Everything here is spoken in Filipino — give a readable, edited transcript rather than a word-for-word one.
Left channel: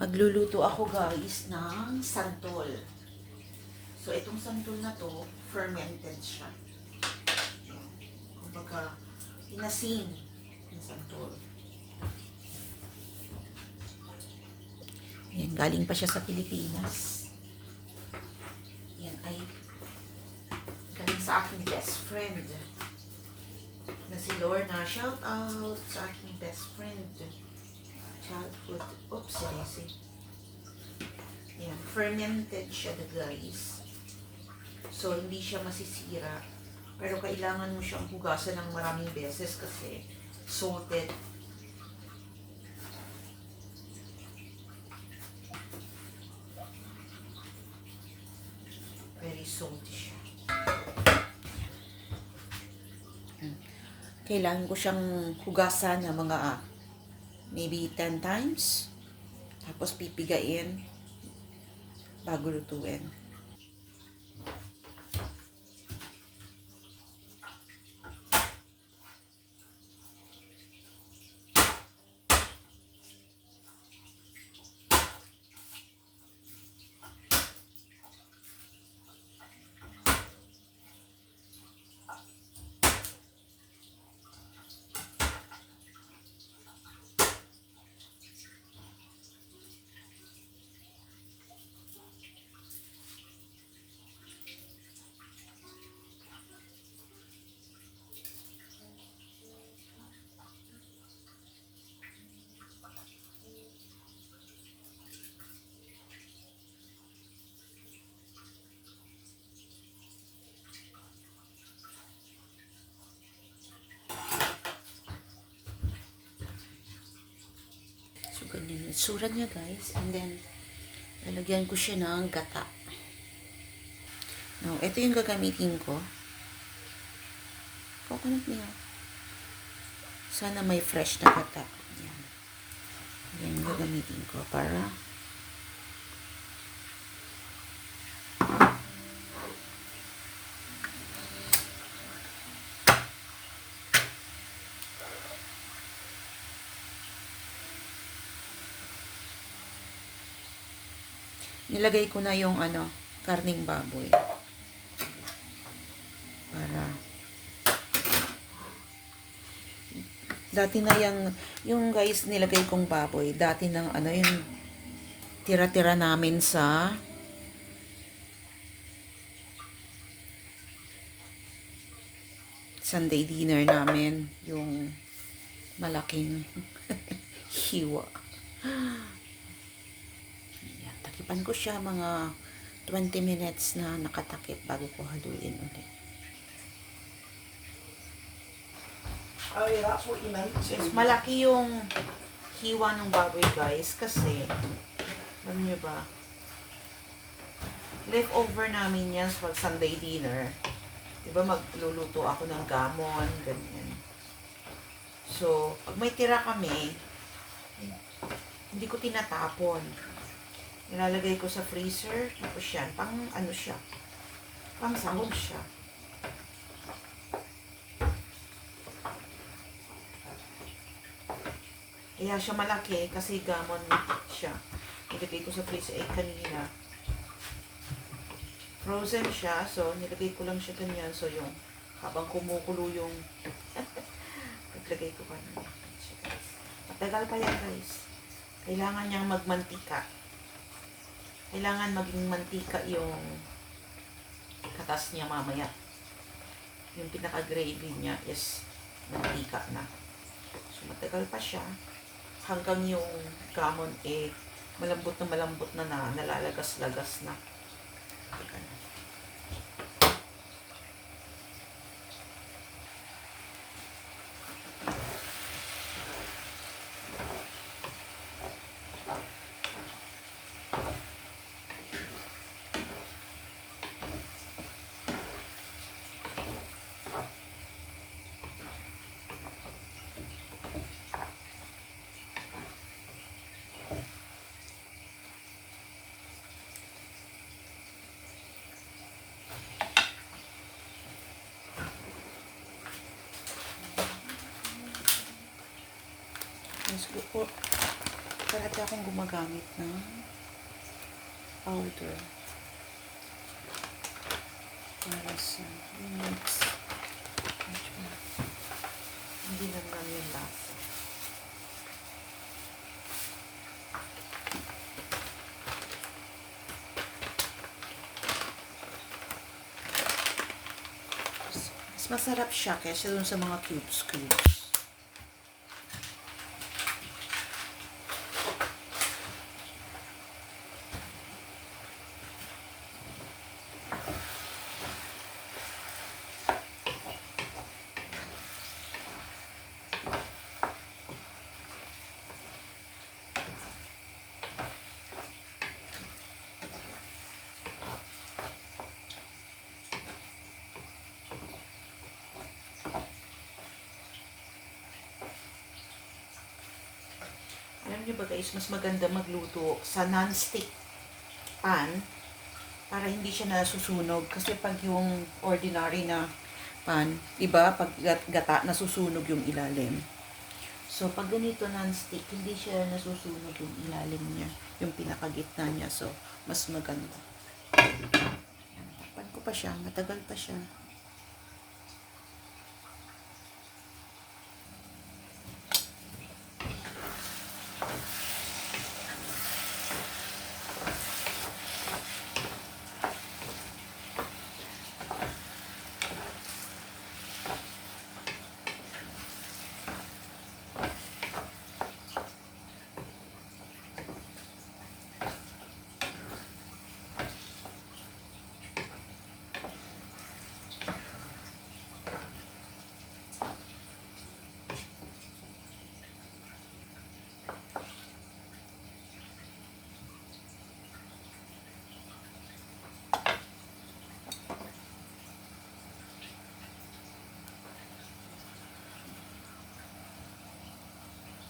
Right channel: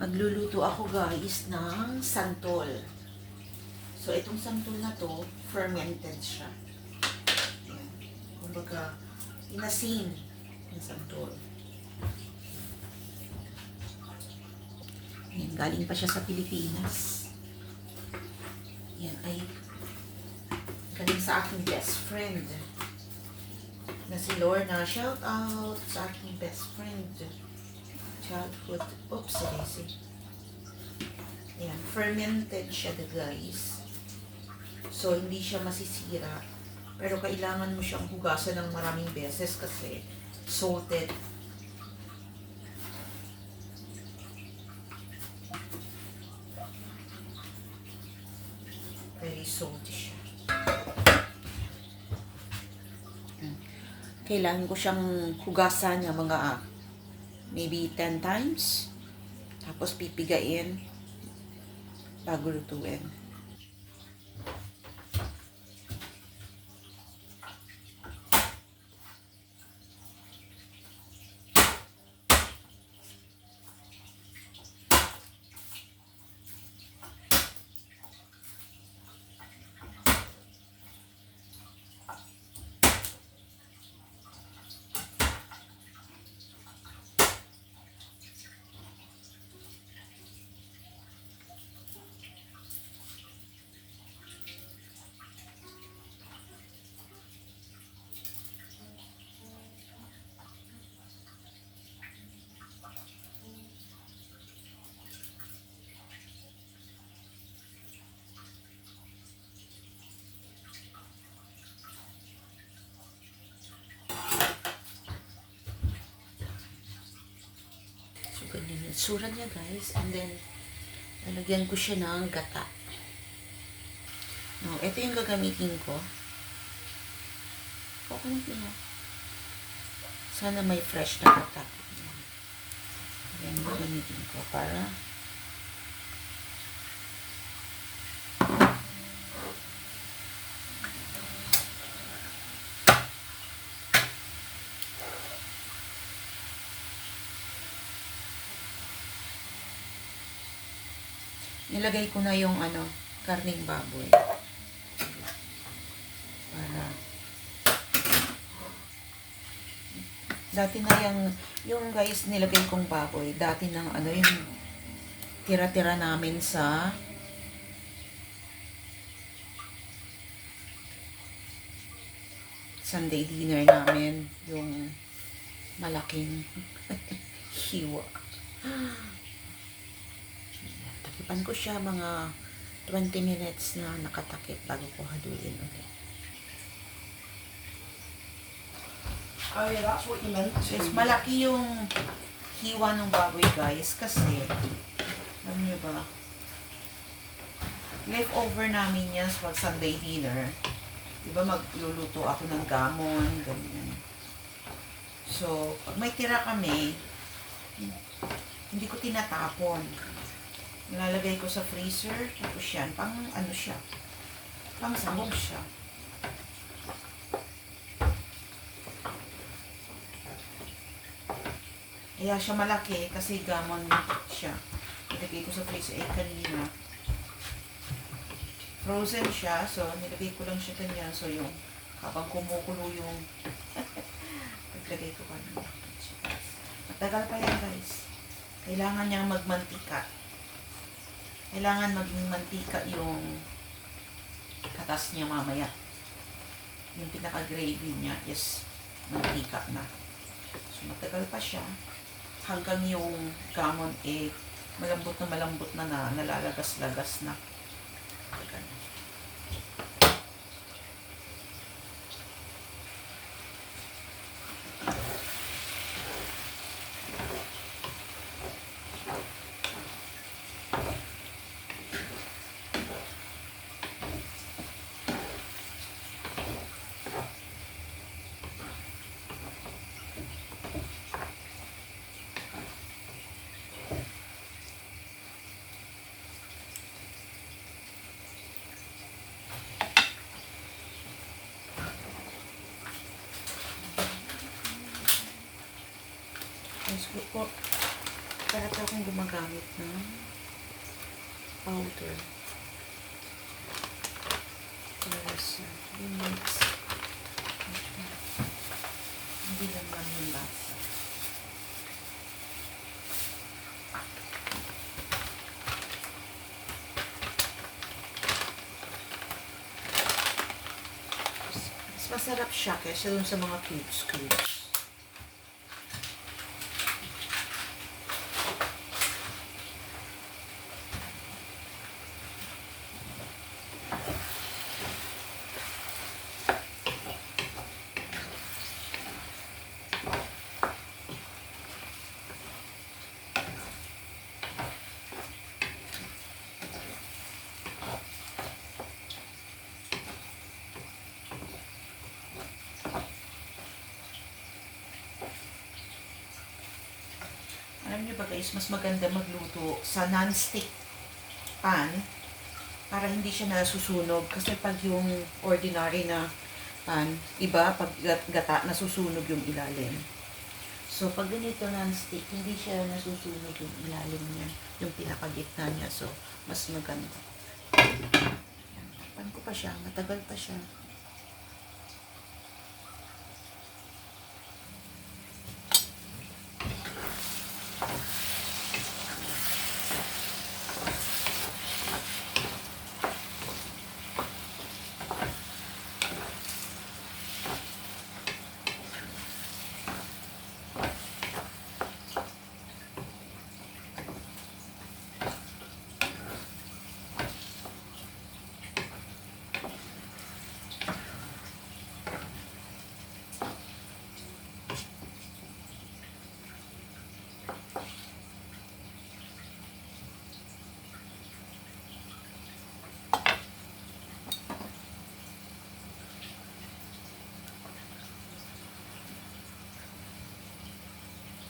Magluluto ako guys ng santol. So itong santol na to, fermented siya. Kumbaga, inasin ng santol. Yan, galing pa siya sa Pilipinas. Yan ay galing sa aking best friend na si Lorna. Shout out sa aking best friend. Childhood. Oops, seriously. Yan, fermented siya guys. So, hindi siya masisira. Pero kailangan mo siyang hugasan ng maraming beses kasi salted. Very salty siya. Kailangan ko siyang hugasan ng mga maybe 10 times. Tapos pipigain bago lutuin. Ganyan yung itsura niya guys. And then, lalagyan ko siya ng gata. No, ito yung gagamitin ko. Coconut niya. Sana may fresh na gata. Yan yung gagamitin ko para nilagay ko na yung karning baboy. Para dati na yung guys nilagay kong baboy, dati ng yung tira-tira namin sa Sunday dinner namin, yung malaking hiwa. Takipan ko siya mga 20 minutes na nakatakip bago ko haluin ulit. Oh yeah, that's what you meant to. Yes, malaki yung hiwa ng baboy guys kasi alam nyo ba, leftover namin yan sa Sunday dinner. Diba magluluto ako ng gamon, ganyan. So, pag may tira kami, hindi ko tinatapon. Nilalagay ko sa freezer, tapos yan, pang siya, pang sahog siya. Kaya siya malaki kasi gamon siya. Nilagay ko sa freezer, kanina. Frozen siya, so nilagay ko lang siya ganyan. So yung, habang kumukulo yung, naglagay ko kanina. Matagal pa yan guys. Kailangan niyang magmantika. Kailangan maging mantika yung katas niya mamaya. Yung pinaka-gravy niya is mantika na. So, matagal pa siya. Hanggang yung gamon malambot na nalalagas-lagas na. Teka na. Let's go po. Parati akong gumagamit ng powder. Para sa mix. Hindi lang yung lasa. Mas masarap siya kaysa dun sa mga cubes. Alam niyo ba guys, mas maganda magluto sa non-stick pan para hindi siya nasusunog. Kasi pag yung ordinary na pan, iba, pag gata, nasusunog yung ilalim. So, pag ganito non-stick, hindi siya nasusunog yung ilalim niya, yung pinakagitna niya. So, mas maganda. Pan ko pa siya, matagal pa siya.